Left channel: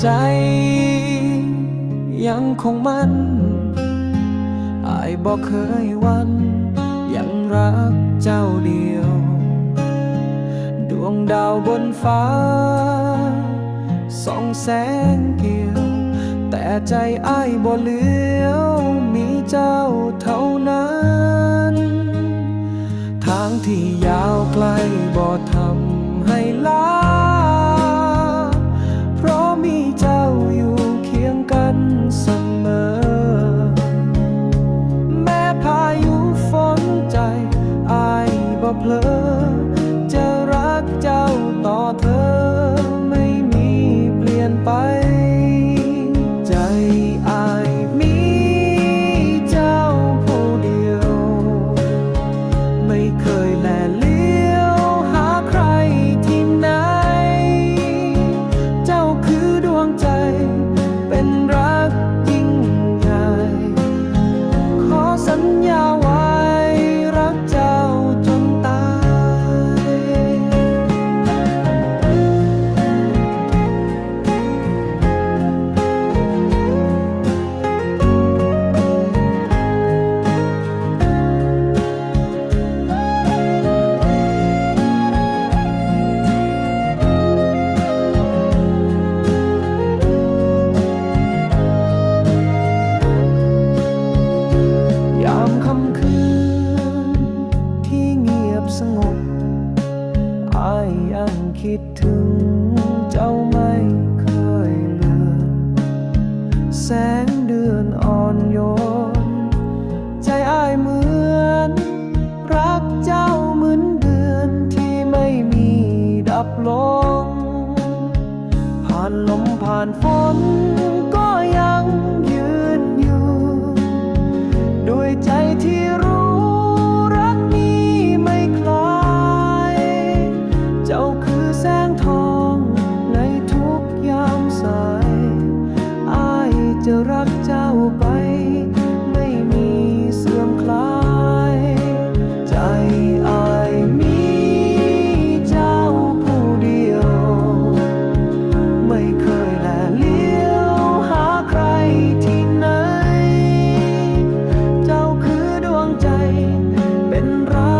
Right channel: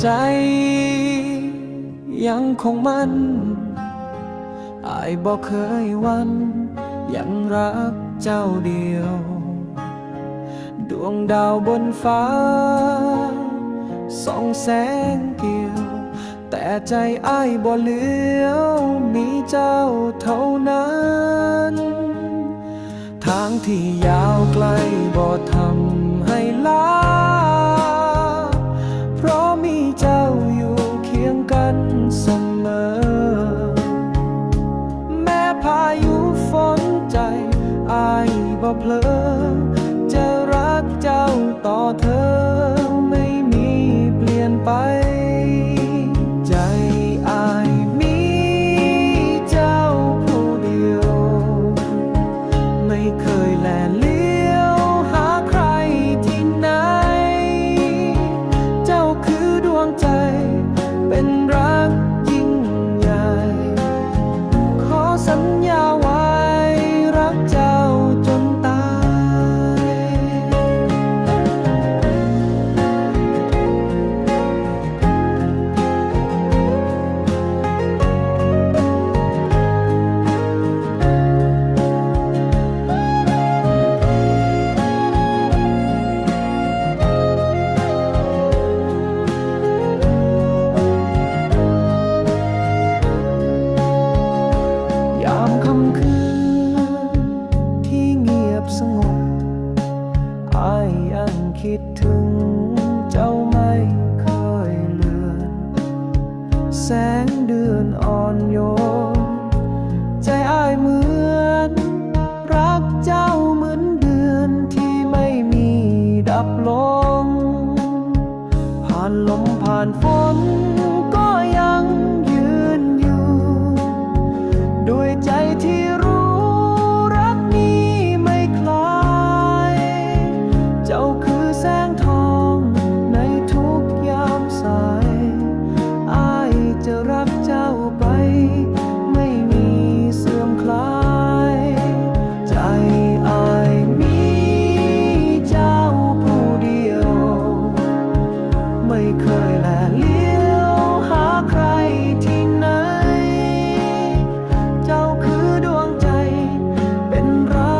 ใจ ยังคงมันอายบอกเคยวัน ยังรักเจ้าเดียว ดวงดาวบนฟ้าส่องแสงเกี่ยว แต่ใจอ้ายบ่เหลียวมีเจ้าเท่านั้น ทางที่ยาวไกลบ่ทำ เพลอจะรักเจ้าต่อเธอไม่มีเปลี่ยนไป ใจอายมีเจ้าผู้เดียว ไม่เคยแลเลี้ยวหาใครที่ไหน เจ้าคือดวงใจ งียบสงบอายยังคิดถึงเจ้าไม่เคยเลือน แสงเดือนอ่อนโยน ใจอายเหมือน รักเจ้าเหมือนเดือนที่ไม่มีดับลง ผ่านลมผ่านฝนก็ยังยืนอยู่ ด้วยใจที่ แสงทองในทุกยามสายอจะรักเจ้าไป ไม่มีเสื่อมคลาย ใจอายมีเจ้าผู้เดียว ไม่เคยแลเลี้ยวหาใครที่ไหน เจ้าคือดวงใจเป็นรัก